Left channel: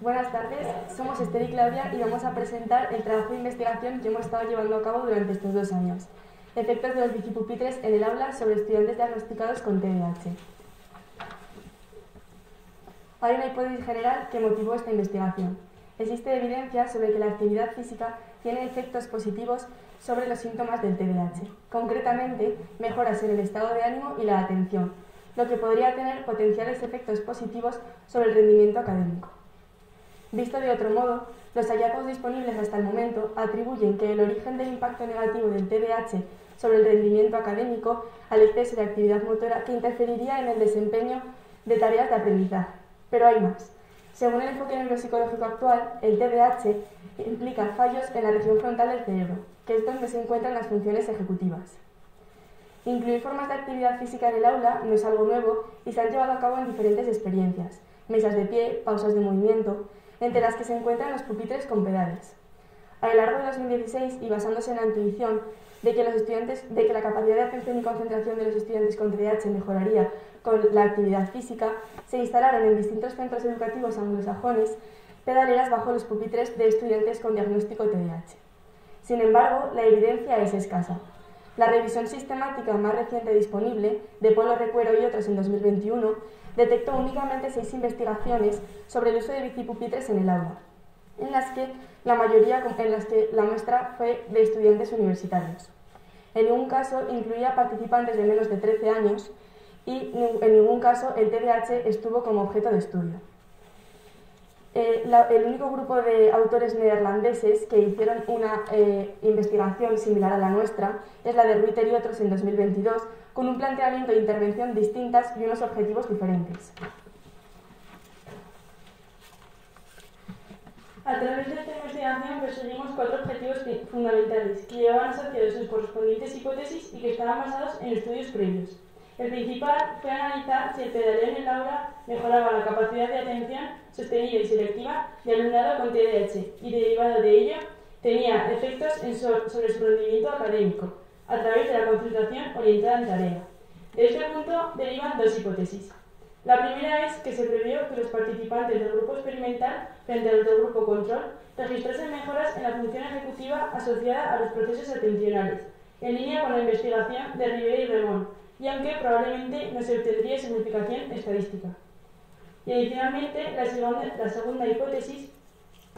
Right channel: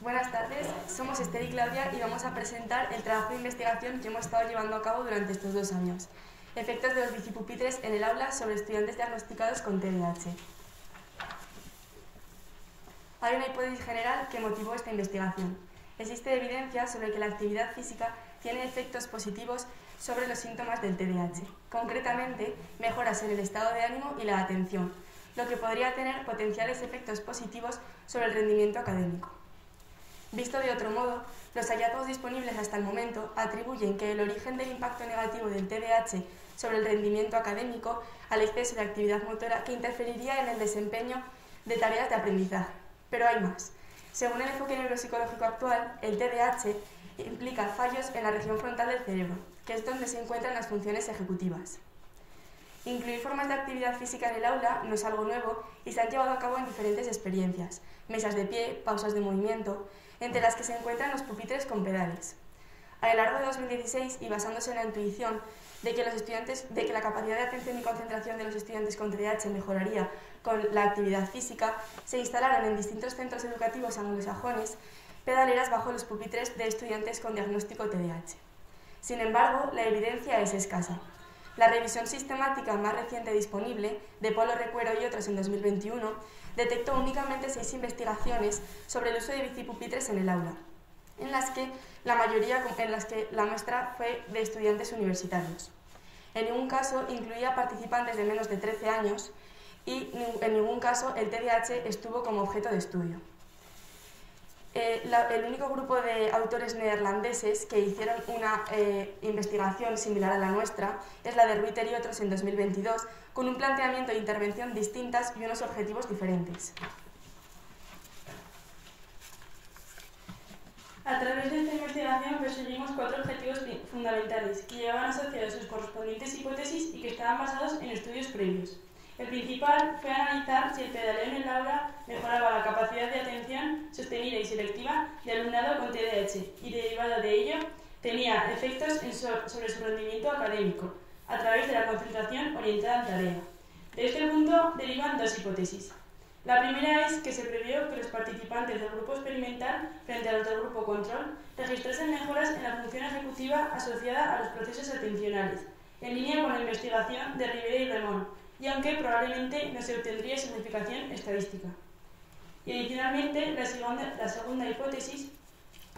Buenas tardes, somos Esther y Claudia y vamos a presentar el trabajo de investigación que hemos estado llevando a cabo durante estos 2 años. Efectos de los bicipupitres en el aula sobre estudiantes diagnosticados con TDAH. Hay una hipótesis general que motivó esta investigación. Existe evidencia sobre que la actividad física tiene efectos positivos sobre los síntomas del TDAH. Concretamente, mejoras en el estado de ánimo y la atención, lo que podría tener potenciales efectos positivos sobre el rendimiento académico. Visto de otro modo, los hallazgos disponibles hasta el momento atribuyen que el origen del impacto negativo del TDAH sobre el rendimiento académico al exceso de actividad motora que interferiría en el desempeño de tareas de aprendizaje. Pero hay más. Según el enfoque neuropsicológico actual, el TDAH implica fallos en la región frontal del cerebro, que es donde se encuentran las funciones ejecutivas. Incluir formas de actividad física en el aula no es algo nuevo y se han llevado a cabo en diferentes experiencias: mesas de pie, pausas de movimiento, entre las que se encuentran los pupitres con pedales. A lo largo de 2016, y basándose en la intuición de que la capacidad de atención y concentración de los estudiantes con TDAH mejoraría con la actividad física, se instalaron en distintos centros educativos anglosajones pedaleras bajo los pupitres de estudiantes con diagnóstico TDAH. Sin embargo, la evidencia es escasa. La revisión sistemática más reciente disponible, de Polo Recuero y otros en 2021, detectó únicamente 6 investigaciones sobre el uso de bicipupitres en el aula, en las que la muestra fue de estudiantes universitarios. En ningún caso incluía participantes de menos de 13 años y en ningún caso el TDAH estuvo como objeto de estudio. El único grupo de autores neerlandeses que hicieron una investigación similar a la nuestra es la de Ruiter y otros en 2022, con un planteamiento de intervención distintas y unos objetivos diferentes. A través de esta investigación perseguimos 4 objetivos fundamentales que llevaban asociados sus correspondientes hipótesis y que estaban basados en estudios previos. El principal fue analizar si el pedaleo en el aula mejoraba la capacidad de atención sostenida y selectiva de alumnado con TDAH y, derivado de ello, tenía efectos sobre su rendimiento académico a través de la concentración orientada en tarea. De este punto derivan 2 hipótesis. La primera es que se previó que los participantes del grupo experimental frente a los del grupo control registrasen mejoras en la función ejecutiva asociada a los procesos atencionales, en línea con la investigación de Rivera y Remón, y aunque probablemente no se obtendría significación estadística. Y adicionalmente, la segunda hipótesis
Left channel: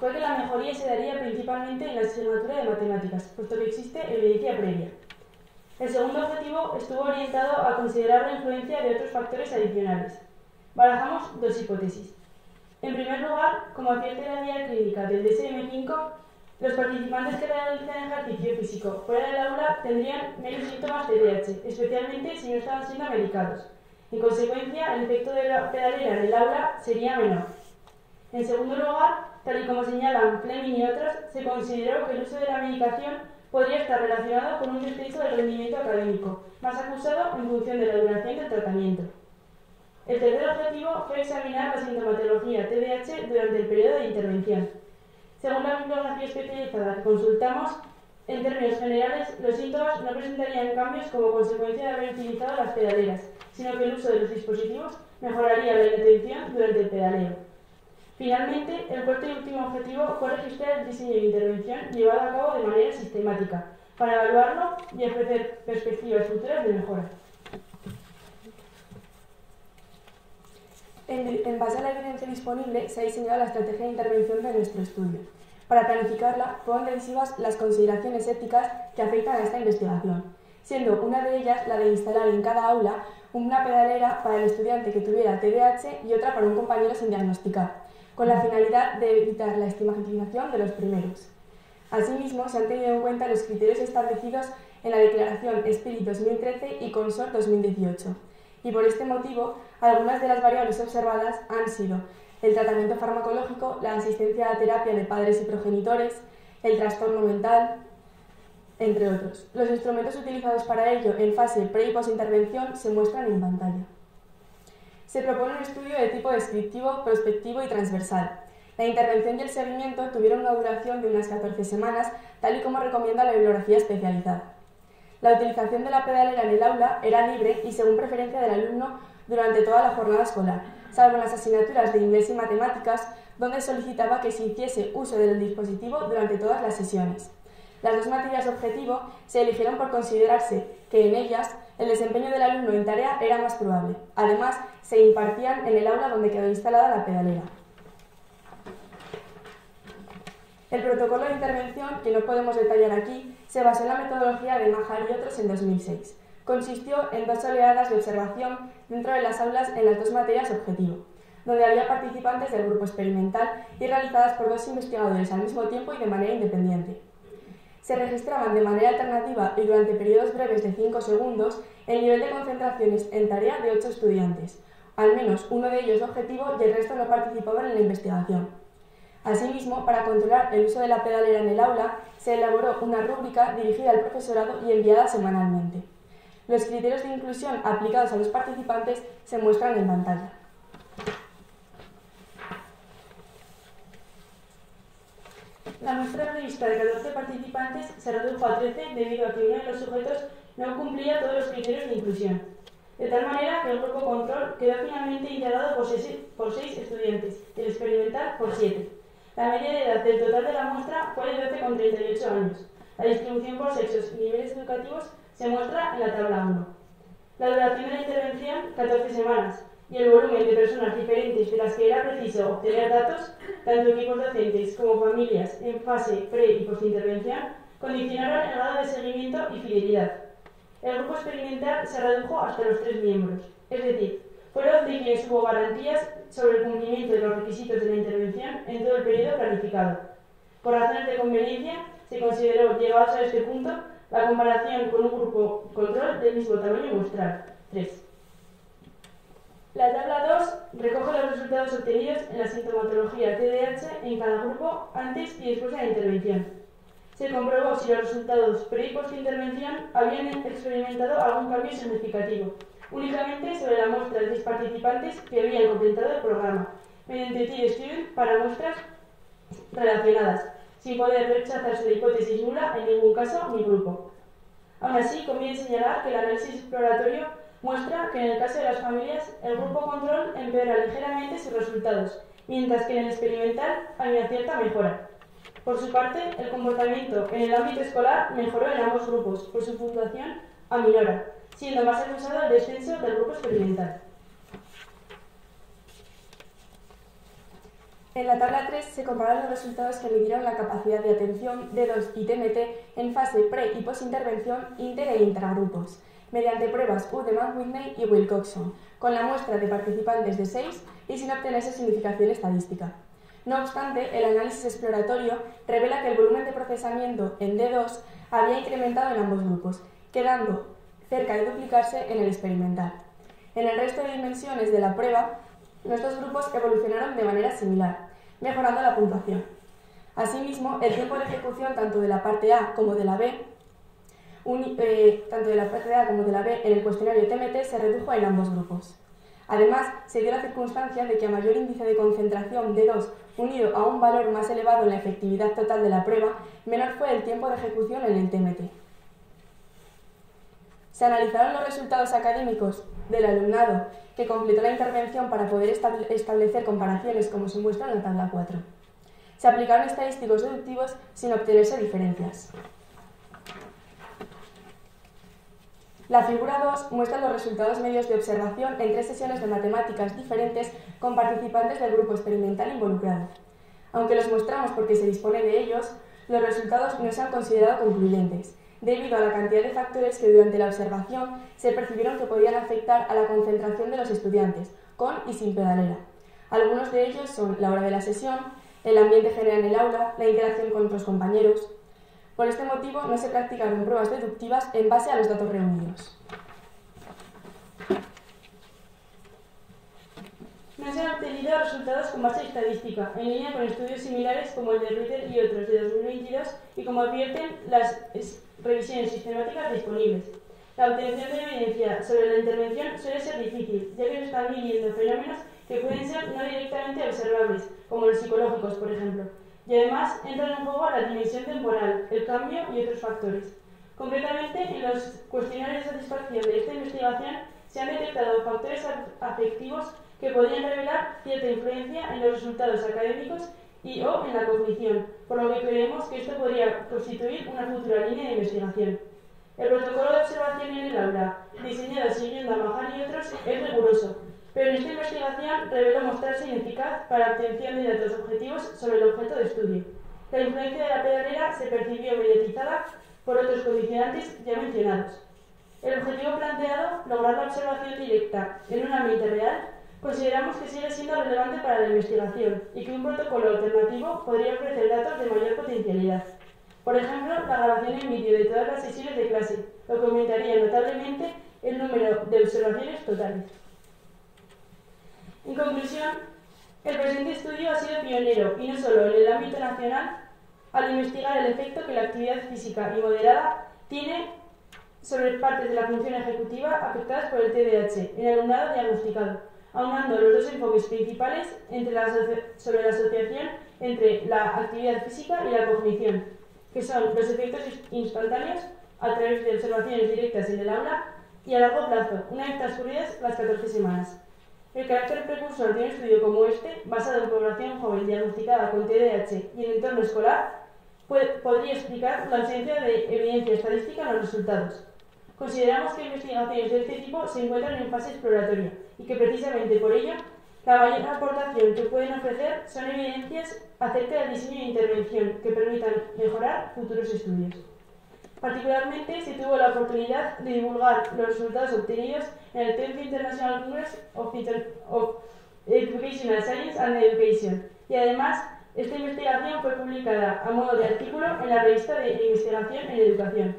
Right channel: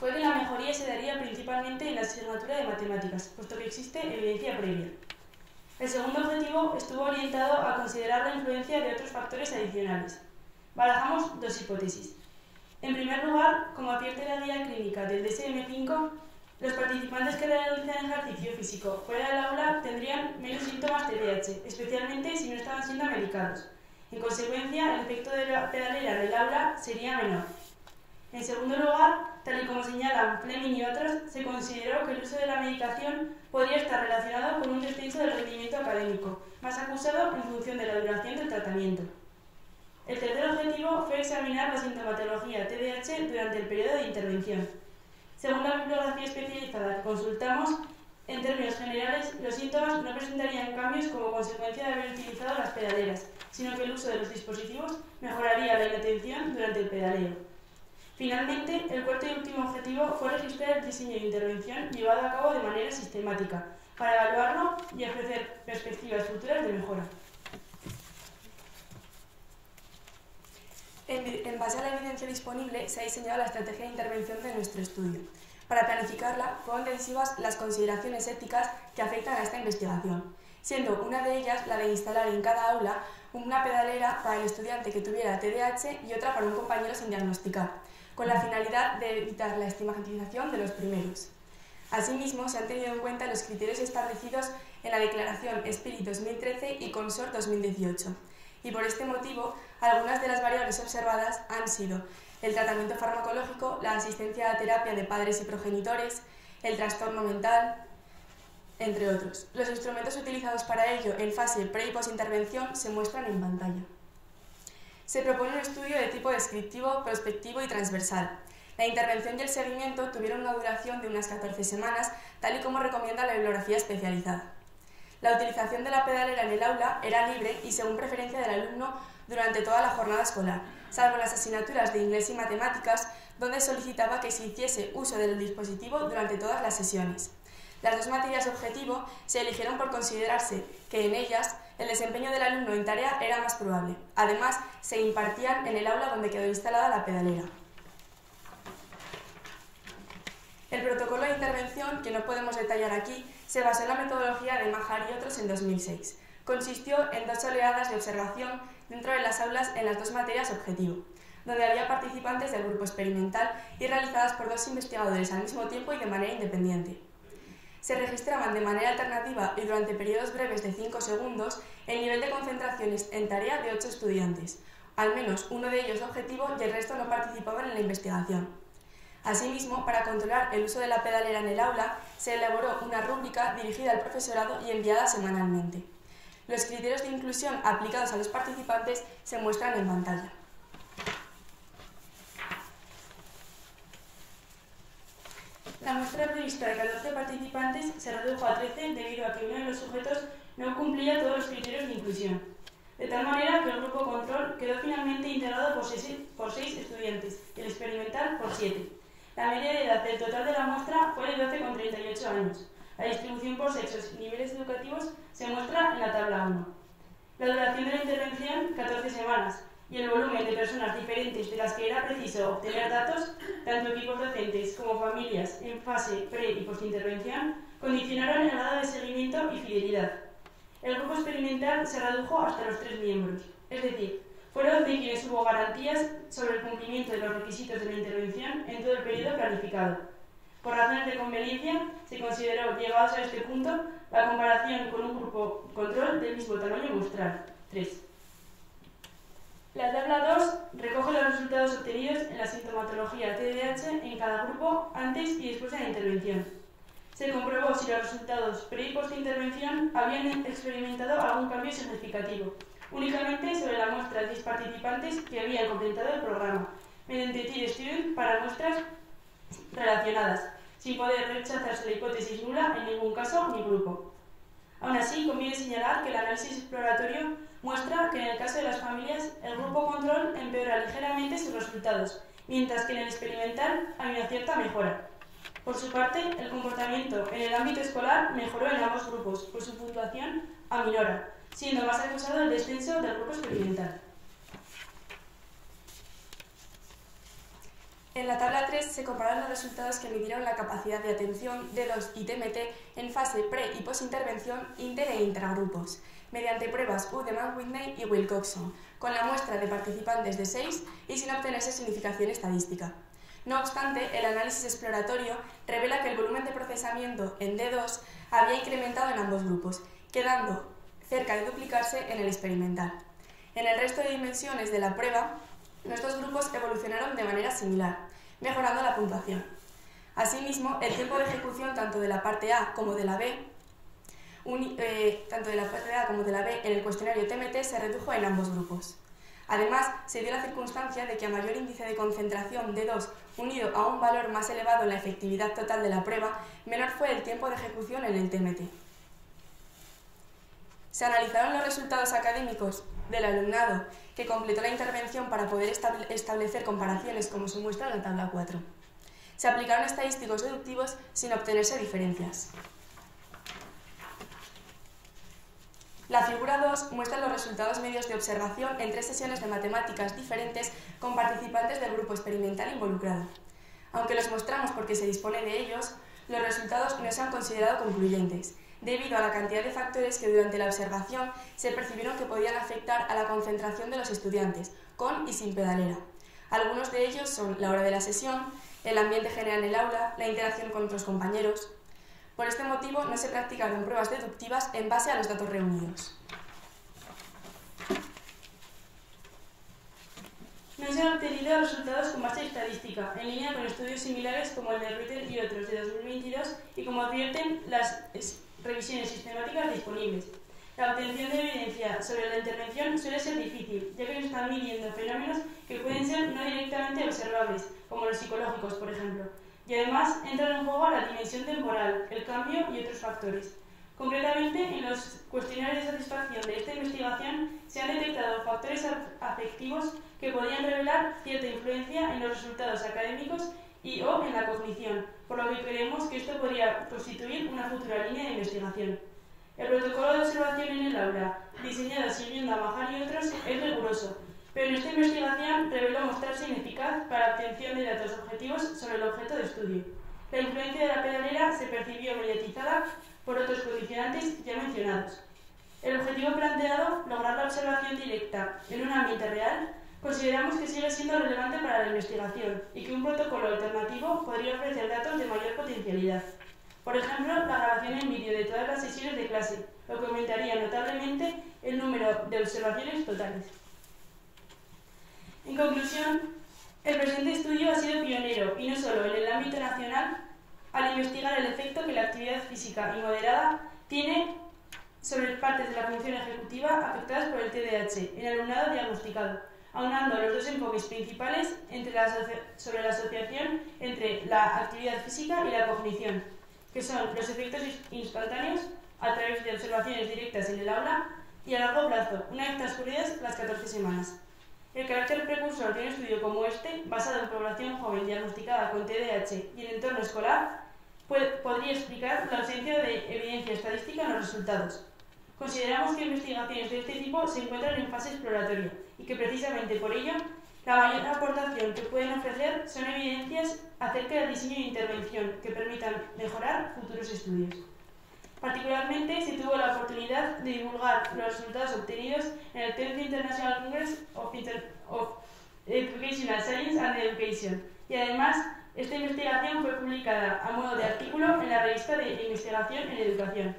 fue que la mejoría se daría principalmente en la asignatura de matemáticas, puesto que existe evidencia previa. El segundo objetivo estuvo orientado a considerar la influencia de otros factores adicionales. Barajamos 2 hipótesis. En primer lugar, como advierte la guía clínica del DSM-5, los participantes que realicen ejercicio físico fuera del aula tendrían menos síntomas TDAH, especialmente si no estaban siendo medicados. En consecuencia, el efecto de la pedalera en el aula sería menor. En segundo lugar, tal y como señalan Fleming y otros, se consideró que el uso de la medicación podría estar relacionado con un descenso del rendimiento académico, más acusado en función de la duración del tratamiento. El tercer objetivo fue examinar la sintomatología TDAH durante el periodo de intervención. Según la bibliografía especializada que consultamos, en términos generales, los síntomas no presentarían cambios como consecuencia de haber utilizado las pedaleras, sino que el uso de los dispositivos mejoraría la inatención durante el pedaleo. Finalmente, el cuarto y último objetivo fue registrar el diseño de intervención llevado a cabo de manera sistemática, para evaluarlo y ofrecer perspectivas futuras de mejora. En base a la evidencia disponible, se ha diseñado la estrategia de intervención de nuestro estudio. Para planificarla, fueron decisivas las consideraciones éticas que afectan a esta investigación, siendo una de ellas la de instalar en cada aula una pedalera para el estudiante que tuviera TDAH y otra para un compañero sin diagnosticar, con la finalidad de evitar la estigmatización de los primeros. Asimismo, se han tenido en cuenta los criterios establecidos en la Declaración Spirit 2013 y Consort 2018, y por este motivo, algunas de las variables observadas han sido el tratamiento farmacológico, la asistencia a terapia de padres y progenitores, el trastorno mental, entre otros. Los instrumentos utilizados para ello en fase pre- y posintervención se muestran en pantalla. Se propone un estudio de tipo descriptivo, prospectivo y transversal. La intervención y el seguimiento tuvieron una duración de unas 14 semanas, tal y como recomienda la bibliografía especializada. La utilización de la pedalera en el aula era libre y según preferencia del alumno durante toda la jornada escolar, salvo en las asignaturas de inglés y matemáticas, donde solicitaba que se hiciese uso del dispositivo durante todas las sesiones. Las dos materias objetivo se eligieron por considerarse que en ellas el desempeño del alumno en tarea era más probable. Además, se impartían en el aula donde quedó instalada la pedalera. El protocolo de intervención, que no podemos detallar aquí, se basó en la metodología de Majar y otros en 2006. Consistió en 2 oleadas de observación dentro de las aulas en las 2 materias objetivo, donde había participantes del grupo experimental y realizadas por 2 investigadores al mismo tiempo y de manera independiente. Se registraban de manera alternativa y durante periodos breves de 5 segundos el nivel de concentraciones en tarea de 8 estudiantes, al menos uno de ellos objetivo y el resto no participaban en la investigación. Asimismo, para controlar el uso de la pedalera en el aula, se elaboró una rúbrica dirigida al profesorado y enviada semanalmente. Los criterios de inclusión aplicados a los participantes se muestran en pantalla. La muestra prevista de 14 participantes se redujo a 13 debido a que uno de los sujetos no cumplía todos los criterios de inclusión. De tal manera que el grupo control quedó finalmente integrado por 6 estudiantes y el experimental por 7. La media de edad del total de la muestra fue de 12,38 años. La distribución por sexos y niveles educativos se muestra en la tabla 1. La duración de la intervención, 14 semanas, y el volumen de personas diferentes de las que era preciso obtener datos, tanto equipos docentes como familias en fase pre- y postintervención, condicionaron el grado de seguimiento y fidelidad. El grupo experimental se redujo hasta los 3 miembros, es decir, fueron de quienes hubo garantías sobre el cumplimiento de los requisitos de la intervención en todo el periodo planificado. Por razones de conveniencia, se consideró, llegados a este punto, la comparación con un grupo control del mismo tamaño muestral, 3. La tabla 2 recoge los resultados obtenidos en la sintomatología TDAH en cada grupo antes y después de la intervención. Se comprobó si los resultados pre- y post-intervención habían experimentado algún cambio significativo, únicamente sobre la muestra de 6 participantes que habían completado el programa, mediante Tier Student para muestras relacionadas, sin poder rechazarse la hipótesis nula en ningún caso ni grupo. Aún así, conviene señalar que el análisis exploratorio muestra que en el caso de las familias, el grupo control empeora ligeramente sus resultados, mientras que en el experimental hay una cierta mejora. Por su parte, el comportamiento en el ámbito escolar mejoró en ambos grupos, por su puntuación aminora, siendo más acusado el descenso del grupo experimental. En la tabla 3 se comparan los resultados que midieron la capacidad de atención D2 y TMT en fase pre- y postintervención inter- e intragrupos, mediante pruebas U de Mann-Whitney y Wilcoxon, con la muestra de participantes de 6 y sin obtenerse significación estadística. No obstante, el análisis exploratorio revela que el volumen de procesamiento en D2 había incrementado en ambos grupos, quedando cerca de duplicarse en el experimental. En el resto de dimensiones de la prueba, los 2 grupos evolucionaron de manera similar, mejorando la puntuación. Asimismo, el tiempo de ejecución tanto de la parte A como de la B en el cuestionario TMT se redujo en ambos grupos. Además, se dio la circunstancia de que a mayor índice de concentración de 2 unido a un valor más elevado en la efectividad total de la prueba, menor fue el tiempo de ejecución en el TMT. Se analizaron los resultados académicos del alumnado que completó la intervención para poder establecer comparaciones como se muestra en la tabla 4. Se aplicaron estadísticos deductivos sin obtenerse diferencias. La figura 2 muestra los resultados medios de observación en 3 sesiones de matemáticas diferentes con participantes del grupo experimental involucrado. Aunque los mostramos porque se dispone de ellos, los resultados no se han considerado concluyentes, debido a la cantidad de factores que durante la observación se percibieron que podían afectar a la concentración de los estudiantes, con y sin pedalera. Algunos de ellos son la hora de la sesión, el ambiente general en el aula, la interacción con otros compañeros. Por este motivo, no se practicaron pruebas deductivas en base a los datos reunidos. No se han obtenido resultados con base estadística, en línea con estudios similares como el de Ruiter y otros de 2022 y como advierten las revisiones sistemáticas disponibles. La obtención de evidencia sobre la intervención suele ser difícil, ya que se están midiendo fenómenos que pueden ser no directamente observables, como los psicológicos, por ejemplo. Y además entran en juego la dimensión temporal, el cambio y otros factores. Concretamente, en los cuestionarios de satisfacción de esta investigación se han detectado factores afectivos que podían revelar cierta influencia en los resultados académicos y o en la cognición, por lo que creemos que esto podría constituir una futura línea de investigación. El protocolo de observación en el aula, diseñado siguiendo a Mahar y otros, es riguroso, pero en esta investigación reveló mostrarse ineficaz para la obtención de datos objetivos sobre el objeto de estudio. La influencia de la pedalera se percibió mediatizada por otros condicionantes ya mencionados. El objetivo planteado, lograr la observación directa en un ambiente real, consideramos que sigue siendo relevante para la investigación y que un protocolo alternativo podría ofrecer datos de mayor potencialidad. Por ejemplo, la grabación en vídeo de todas las sesiones de clase, lo que aumentaría notablemente el número de observaciones totales. En conclusión, el presente estudio ha sido pionero, y no solo en el ámbito nacional, al investigar el efecto que la actividad física y moderada tiene sobre partes de la función ejecutiva afectadas por el TDAH en alumnado diagnosticado, aunando los dos enfoques principales sobre la asociación entre la actividad física y la cognición, que son los efectos instantáneos a través de observaciones directas en el aula y a largo plazo, una vez transcurridas las 14 semanas. El carácter precursor de un estudio como este, basado en población joven diagnosticada con TDAH y en entorno escolar, podría explicar la ausencia de evidencia estadística en los resultados. Consideramos que investigaciones de este tipo se encuentran en fase exploratoria y que precisamente por ello la mayor aportación que pueden ofrecer son evidencias acerca del diseño de intervención que permitan mejorar futuros estudios. Particularmente se tuvo la oportunidad de divulgar los resultados obtenidos en el 10th International Congress of Educational Science and Education, y además esta investigación fue publicada a modo de artículo en la revista de Investigación en Educación.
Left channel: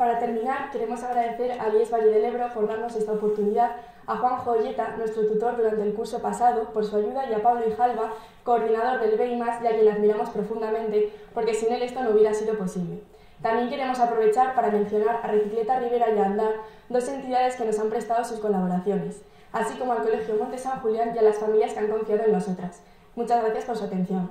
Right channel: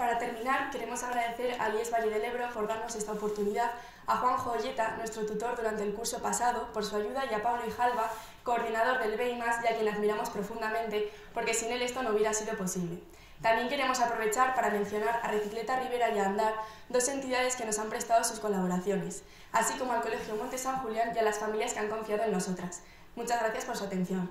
Para terminar, queremos agradecer a IES Valle del Ebro por darnos esta oportunidad, a Juanjo Olleta, nuestro tutor durante el curso pasado, por su ayuda, y a Pablo Ijalba, coordinador del BEIMAS, y a quien le admiramos profundamente, porque sin él esto no hubiera sido posible. También queremos aprovechar para mencionar a Recicleta Rivera y a Andar, dos entidades que nos han prestado sus colaboraciones, así como al Colegio Monte San Julián y a las familias que han confiado en nosotras. Muchas gracias por su atención.